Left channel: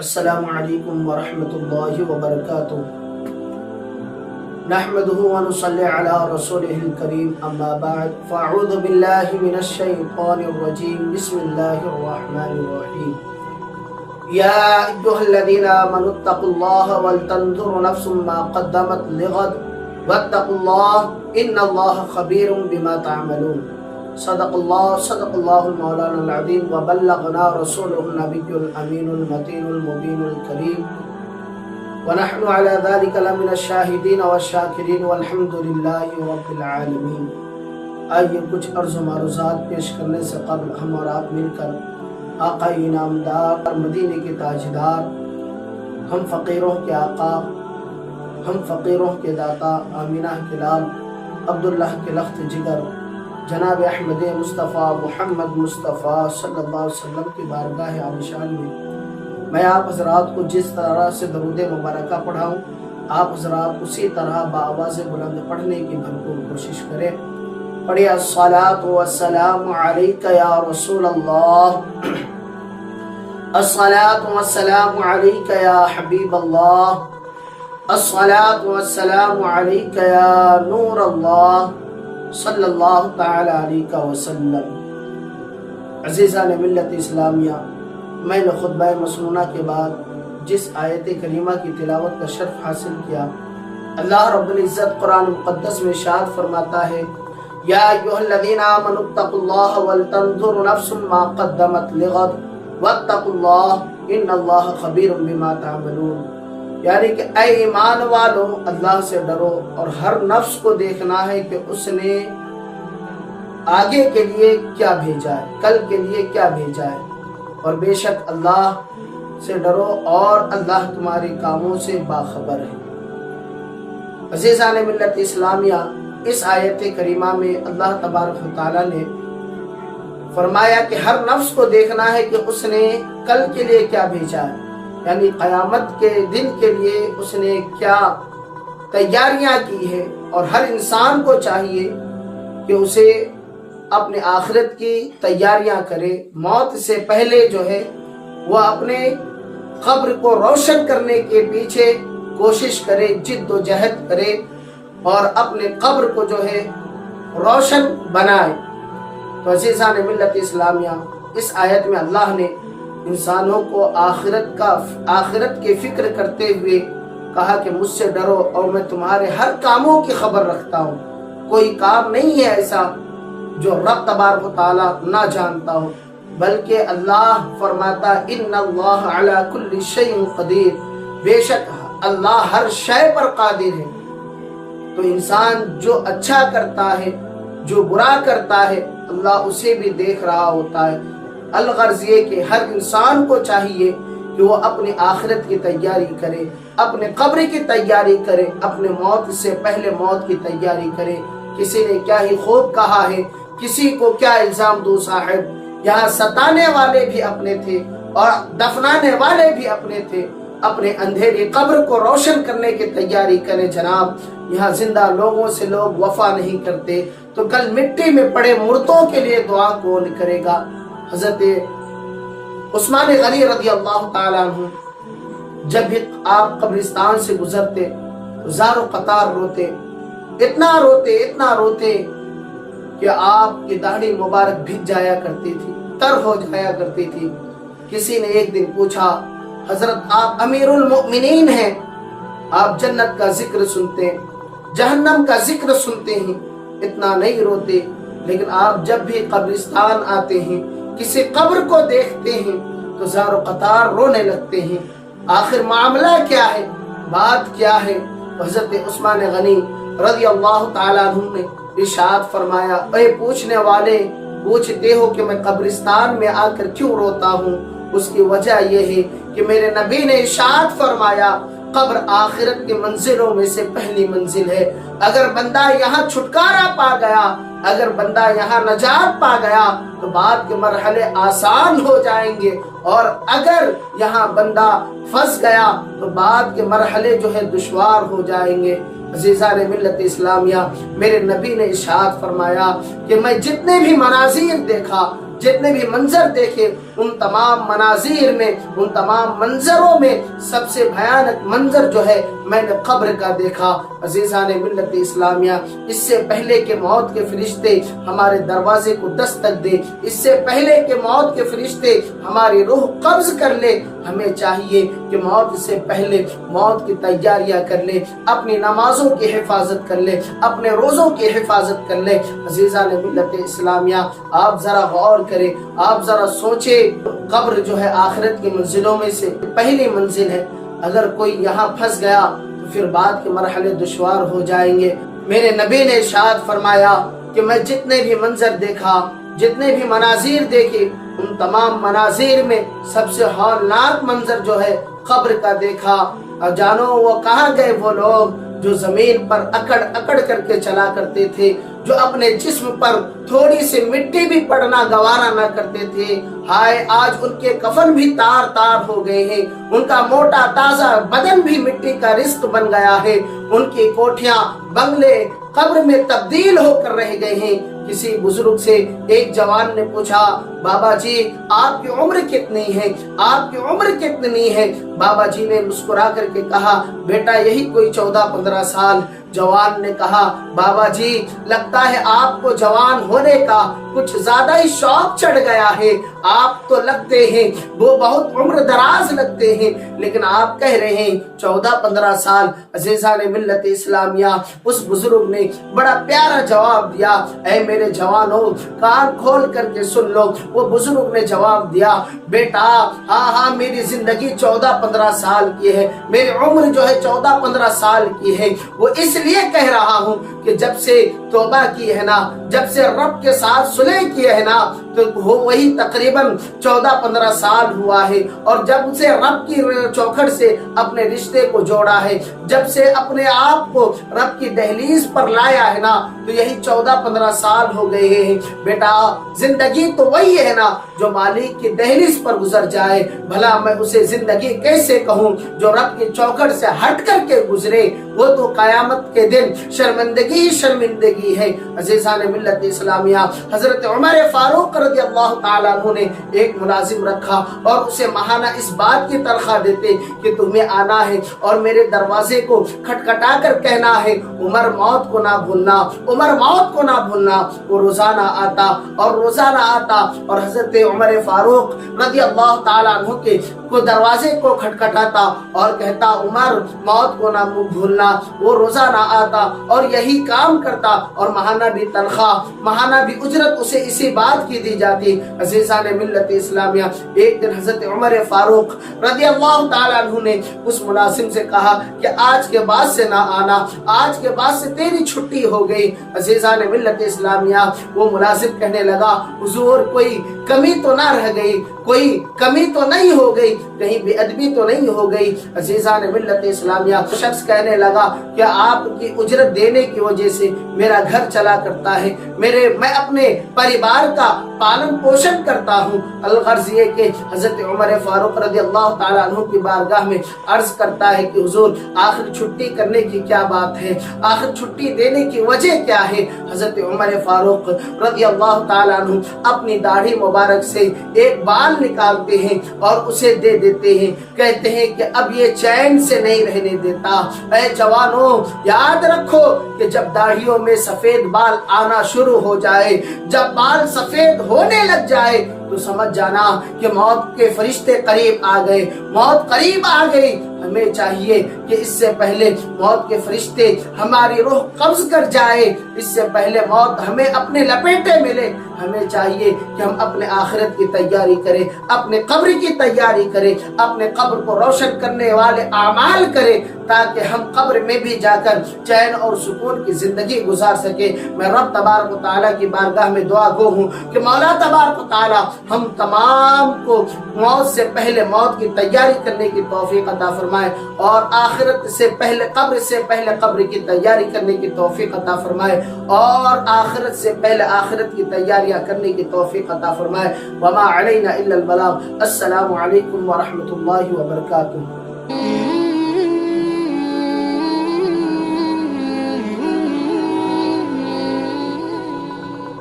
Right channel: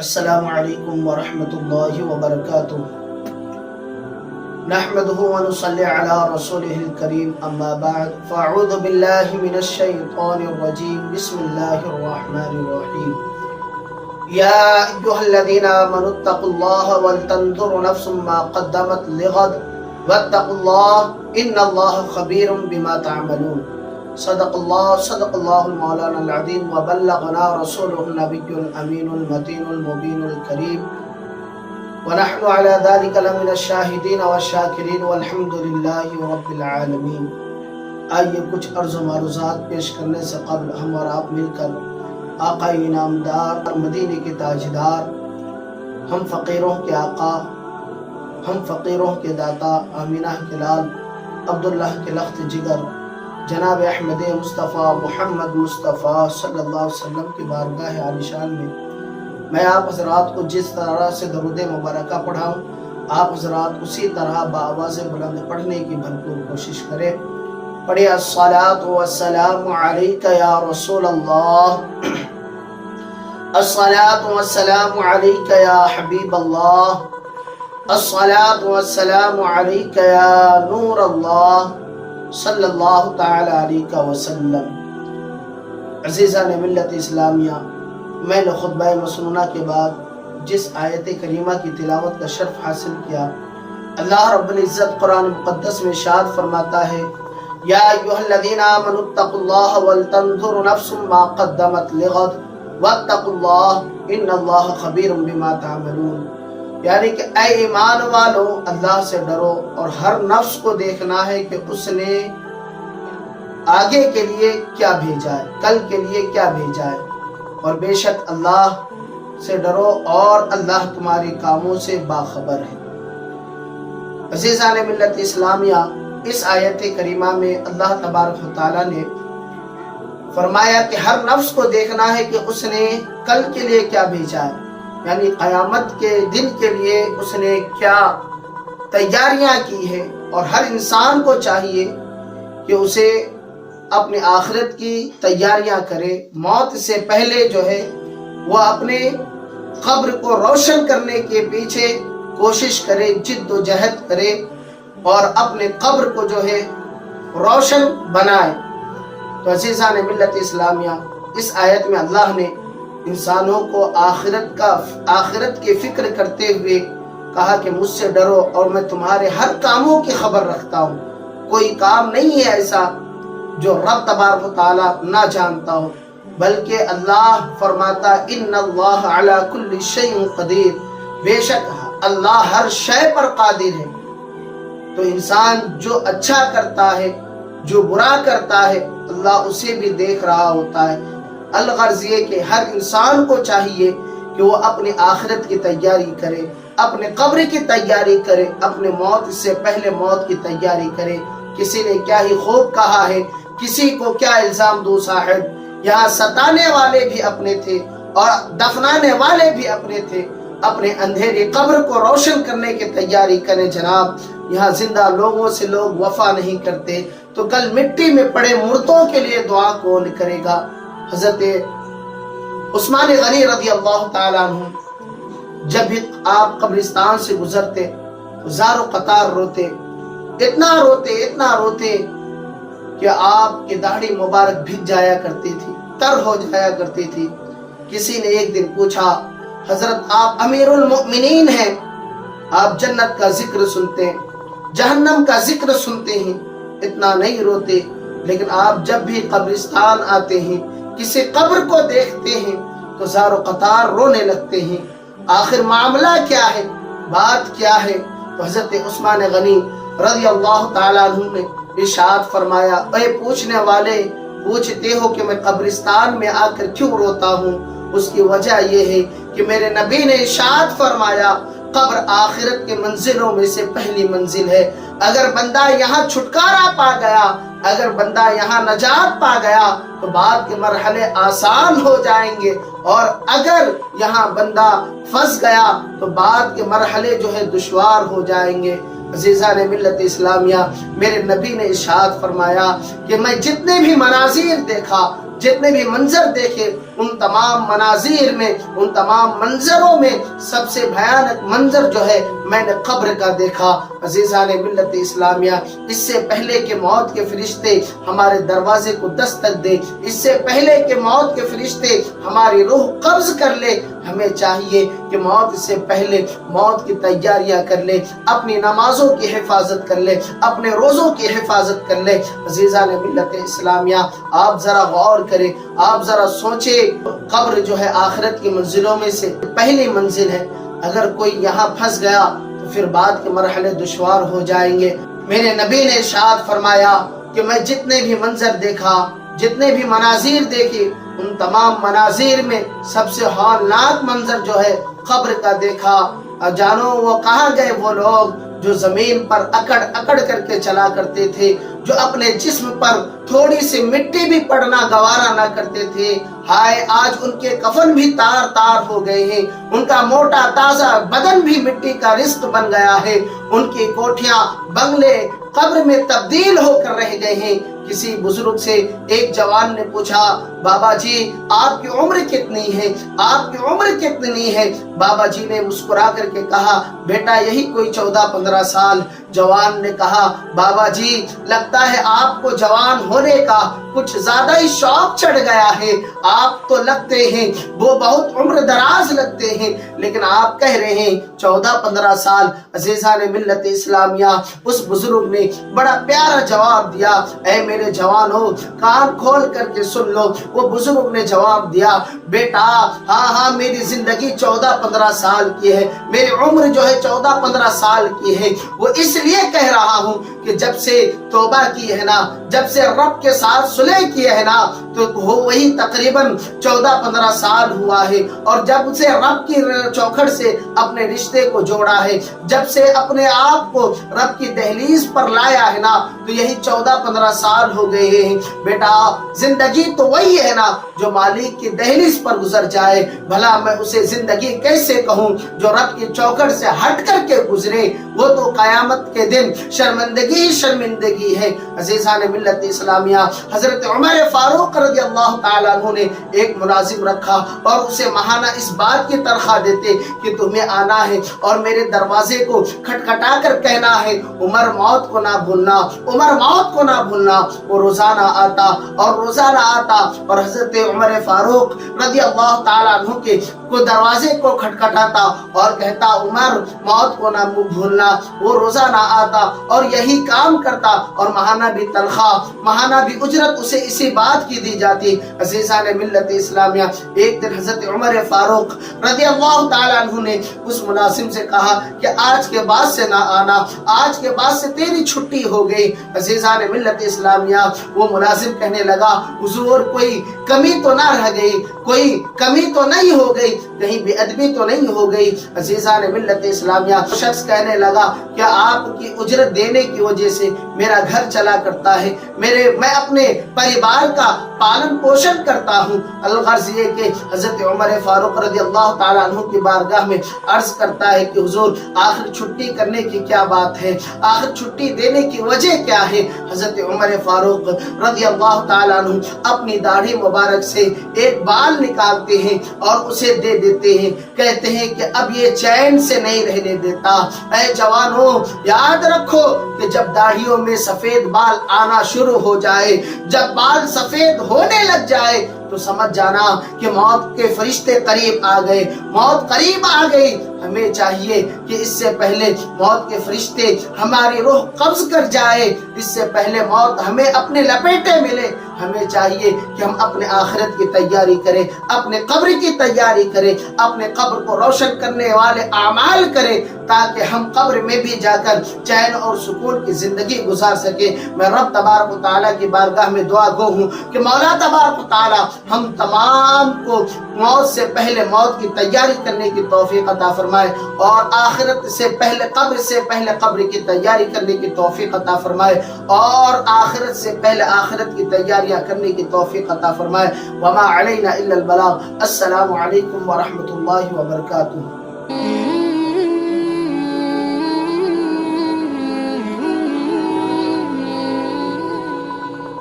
السلام علیکم ورحمۃ اللہ وبرکاتہ نحمده ونصلي على رسوله الكريم اما بعد فاعوذ بالله من الشيطان الرجيم بسم الله الرحمن الرحيم يا ايها الذين آمنوا اتقوا الله ولتنظر نفس ما قدمت لغد واتقوا الله ان الله خبير بما تعملون صدق الله المولانا العظيم وبلغنا رسوله النبي الأمين المتين المبين الكريم ونحن على ذلك لمن الشاهدين والشاكرين والحمد لله رب العالمين۔ آئیے کچھ عرض و معروضات پیش کرنے سے قبل ہم اور آپ مل کر آقا انعامدار اور مدینے کے تاجدار، ہم فقیروں کے آقا، ہم فقیروں کے داتا، آمینہ کے لال، عبداللہ کے لخت جگر، جناب احمد مصطفیٰ محمد مصطفیٰ صلی اللہ علیہ وسلم کی بارگاہ عالیشان میں میں آپ حضرات کو جس طرح سے درود مبارکہ پڑھاؤں، آپ حضرات اسی طرح بآواز بلند پڑھنے کی بھرپور کوشش کریں۔ پڑھیں الصلاۃ والسلام علیک یا رسول اللہ، الصلاۃ والسلام علیک یا حبیب اللہ، الصلاۃ والسلام علیک یا نور اللہ صلی اللہ تعالی علیہ وسلم۔ عزیزان ملت اسلامیہ، میں نے خطبہ مسنونہ کے بعد جس آیت کریمہ کی تلاوت کا شرف حاصل کیا، اللہ رب العزت قرآن مقدس میں ارشاد فرماتا ہے یا ایھا الذین آمنوا اتقوا اللہ ولتنظر نفس ما قدمت لغد واتقوا اللہ ان اللہ خبیر بما تعملون، یعنی کہ اے ایمان والو اللہ سے ڈرو اور ہر نفس کو دیکھنا ہے کہ اس نے آگے کے لیے کیا بھیجا ہے، کل کے لیے کیا بھیجا ہے، اور بے شک اللہ سے ڈرو اور اللہ تمہارے کاموں سے باخبر ہے۔ عزیزان ملت اسلامیہ، اس آیت کریمہ میں اللہ تبارک و تعالیٰ نے فرمایا کہ ہر نفس کو دیکھنا ہے کہ اس نے کل کے لیے کیا بھیجا ہے، یعنی قیامت کے دن کے لیے اس نے کیا تیاریاں کی ہے، اور ہر انسان کو چاہیے کہ اسے اپنے آخرت کی تیاریاں کرے، موت سے پہلے جو ہے وہ اپنے قبر کو روشن کرنے کے پیچھے کوشش کرے، جد و جہد کرے اور اپنے قبر کو جو ہے روشن بنائے۔ تو عزیزان ملت اسلامیہ، اس آیت میں اللہ نے انسانوں کو آخرت کی فکر کرتے ہوئے کہا کہ مجھ سے ڈرو اور میں تمہارے ہر کاموں کی خبر رکھتا ہوں۔ کوئی کام نہیں ہے ایسا جو رب تبارک و تعالیٰ نہ جانتا ہو، بلکہ اللہ فرماتا ان اللہ علی کل شیء قدیر، بے شک اللہ ہر شے پر قادر ہے۔ تو انسان جو اچھا کرتا ہے، جو برا کرتا ہے، اللہ اسے بھی دیکھ رہا ہوتا ہے۔ الغرض یہ کہ ہر انسان کو چاہیے کہ وہ اپنی آخرت کی تیاری کرے، اپنے قبر کی تیاری کرے، اپنے موت سے پہلے موت کی تیاری کرے۔ کسی نے کیا ہی خوب کہا ہے، کسی کو کیا الزام دو صاحب، یہاں ستانے والے بھی اپنے تھے اور دفنانے والے بھی اپنے تھے۔ اپنے اندھیری قبر کو روشن کرنے کی تیاری کریں جناب۔ یہاں زندہ لوگوں سے لوگ وفا نہیں کرتے تو کل مٹی میں پڑے مردوں کے لیے دعا کون کرے گا؟ حضرت عثمان غنی رضی اللہ تعالیٰ عنہ جب بھی آپ قبرستان سے گزرتے تو زار و قطار روتے، اتنا روتے کہ آپ کی داڑھی مبارک بھیگ جایا کرتی تھی، تر ہو جایا کرتی تھی۔ کسی نے ایک دن پوچھا حضرت آپ امیر المؤمنین ہیں، آپ جنت کا ذکر سنتے ہیں، جہنم کا ذکر سنتے ہیں، اتنا نہیں روتے، لیکن آپ جب بھی قبرستان آتے ہیں، کسی قبر کو دیکھتے ہیں تو زار و قطار رونے لگتے ہیں۔ آخر معاملہ کیا ہے، بات کیا ہے؟ تو حضرت عثمان غنی رضی اللہ تعالیٰ عنہ نے ارشاد فرمایا اے پوچھنے والے، پوچھتے ہو کہ میں قبرستان میں آ کر کیوں روتا ہوں؟ اس کی وجہ یہ ہے کہ میرے نبی نے ارشاد فرمایا قبر آخرت کے منزلوں میں سے پہلی منزل ہے۔ اگر بندہ یہاں چھٹکارا پا گیا، اگر بندہ یہاں نجات پا گیا تو بعد کے مرحلے آسان ہو جائیں گے، اور اگر یہاں بندہ پھنس گیا تو بعد کے مرحلے جو ہے دشوار ہو جائیں گے۔ عزیزان ملت اسلامیہ، میرے نبی نے ارشاد فرمایا کہ میں جتنے بھی مناظر دیکھا، جتنے بھی منظر دیکھے उन तमाम मनाजिर में, उन तमाम मंजरों में सबसे भयानक मंजर जो है मैंने कब्र का देखा। अजीज़ान मिल्लत इस्लामिया, इससे पहले कि मौत के फरिश्ते हमारे दरवाजे को दस्तक दे, इससे पहले कि मौत के फरिश्ते हमारी रूह कब्ज कर ले, हमें चाहिए कि मौत से पहले मौत की तैयारियां कर ले, अपनी नमाजों की हिफाजत कर ले, अपने रोज़ों की हिफाजत कर ले। अजीज़ान मिल्लत इस्लामिया, आप ज़रा गौर करें, आप ज़रा सोचें, कब्र जो है आखिरत की मंजिलों में से पहली मंजिल है। अगर कोई यहाँ फंस गया तो फिर बाद के मरहले दुश्वार हो जाएंगे। मेरे नबी ने इरशाद फरमाया कि मैं जितने भी मंजर देखा, जितने भी मनाजिर देखे, उन तमाम मनाजिर में सबसे हौलनाक मंजर जो है कब्र का देखा। और जानो वो कहाँ गए वो लोग जो जमीन पर अकड़ अकड़ करके चला करते थे, जो अपने जिस्म पर थोड़ी सी मिट्टी भी पड़ना गवारा ना करते थे। हाय, आज उनके कफन भी तार तार हो गए हैं, उनका मोटा ताजा बदन भी मिट्टी का रिश्त बन गया है, उनकी कोठियां बंगले कब्र में तब्दील होकर रह गए हैं। किसी बुजुर्ग से एक जवान ने पूछा, बाबा जी आपकी उम्र कितनी है, आपकी उम्र कितनी है? बाबा जी ने मुस्कुरा करके कहा, बेटा यही कोई 14-15 साल। जवान ने कहा, बाबा जी लगता है आपको जवान होने का कुछ ज्यादा ही शौक चढ़ गया है, आप तो लगते हैं वो बहुत उम्र दराज लगते हैं, लेकिन आप कह रहे हैं 14-15 साल। अजीज़ान मिल्लत इस्लामिया, उस बुजुर्ग ने बड़ा प्यारा जवाब दिया, ऐ मेरे जवानों कान खोल करके सुन लो। वो बुजुर्ग ने जवाब दिया, बेटा हाँ मेरी जिंदगी 14-15 साल की है, मेरी उम्र जो है 14-15 साल की है। वो इसलिए कह रहा हूँ कि जब से तौबा की है ना, जब से रब के साथ सुलह किए है ना, तो वो वही तकरीबन 14-15 साल हुआ है। और जब से रब की चौखट से अपने रिश्ते को जोड़ा है, जब से अपने आप को रब की दहलीज पर लाया है ना, तो यही 14-15 साल हो गए हैं। बेटा जिंदगी तो वही है ना जो मालिक की दहलीज पर गुजर जाए, भला मैं उसे जिंदगी कैसे कहूँ जो रब की चौखट से हट करके गुजरे? वो तो कयामत के दिन शर्मिंदगी ही शर्मिंदगी है। अजीज़ान मिल्लत इस्लामिया, हजरत उमर फारूक रज़ियल्लाहु ताला अन्हु ने एक मुलाजिम रखा और उसे महाना इस बात की तनख्वाह देते कि तुम्हें आना है और मेरे दरवाजे को खटखटा कर कहना है, उमर मौत को ना भूलना, उमर मौत को ना भूलना। वो रोजाना आता और हजरत उमर फारूक रज़ियल्लाहु ताला अन्हु के को दरवाजे को खटखटाता और कहता, उमर मौत को ना भूलना। वो रोजाना आता और यही काम करता और महाना भी तनख्वाह, महाना भी उजरत उसे इसी बात की दी जाती। अजीज़ान मिल्लत इस्लामिया, एक दिन हजरत उमर फारूक रज़ियल्लाहु ताला अन्हु ने उस मुलाजिम से कहा कि आज के बाद से ना आना, आज के बाद से तेरी छुट्टी हो गई। अजीज़ान मिल्लत इस्लामिया, वो मुलाजिम कहने लगा, हुजूर कोई कमी तो ना रह गई, कोई कमी तो नहीं हो गई, कहीं बेअदबी तो नहीं हो गई? अजीज़ान मिल्लत इस्लामिया, शख्स कहने लगा कि आपकी उजरत देने की वजह से मेरा घर चला करता है, मैं अपने परिवार का पालन पोषण करता हूँ। अलगर्ज ये कि हजरत उमर फारूक रज़ियल्लाहु ताला अन्हु की बारगाह में अर्ज करता है कि हुजूर आखिर छुट्टी करने की क्या बात है, आखिर छुट्टी देने की वजह क्या है? हजरत उमर फारूक रज़ियल्लाहु ताला अन्हु अपनी दाढ़ी मुबारक से एक बाल निकालते हैं और उसे दे देते हैं, कहते हैं कि अब ये चैन से नहीं रहने देता। ऐ जवानों याद रखो कि जब दाढ़ियों में सफेद बाल आना शुरू हो जाए, जब बाल सफेद होने लग जाए, तो समझ जाना कि मौत के फरिश्ते करीब आ गए, मौत करीब आ गई। हमें चाहिए कि इससे पहले मौत के फरिश्ते हमारी रूह कब्ज कर जाए, इससे पहले मौत हमें अपने लपेटे मिले, हमें चाहिए कि हम अपने आखिरत की तैयारी करें, अपने कब्र की तैयारी करें, अपने कब्र को रोशन करने वाले आमाल करें, ताकि हम कब्र में भी जाकर चैन और सुकून की जिंदगी गुजार सके। मैं रब तबारक व तआला की बारगाह में दुआ गो हूँ कि मौला तबारक व तआला हम तमाम को मौत से पहले मौत की तैयारी करने की तौफीक अता फरमाए और आखिरत से पहले कब्र की तैयारी करने की तौफीक अता फरमाए और आखिरत से पहले आखिरत की तैयारियां करने की तौफीक अता फरमाए। वमा अलैना इल्लल बलाग। अस्सलामु अलैकुम व रहमतुल्लाहि व बरकातुहू।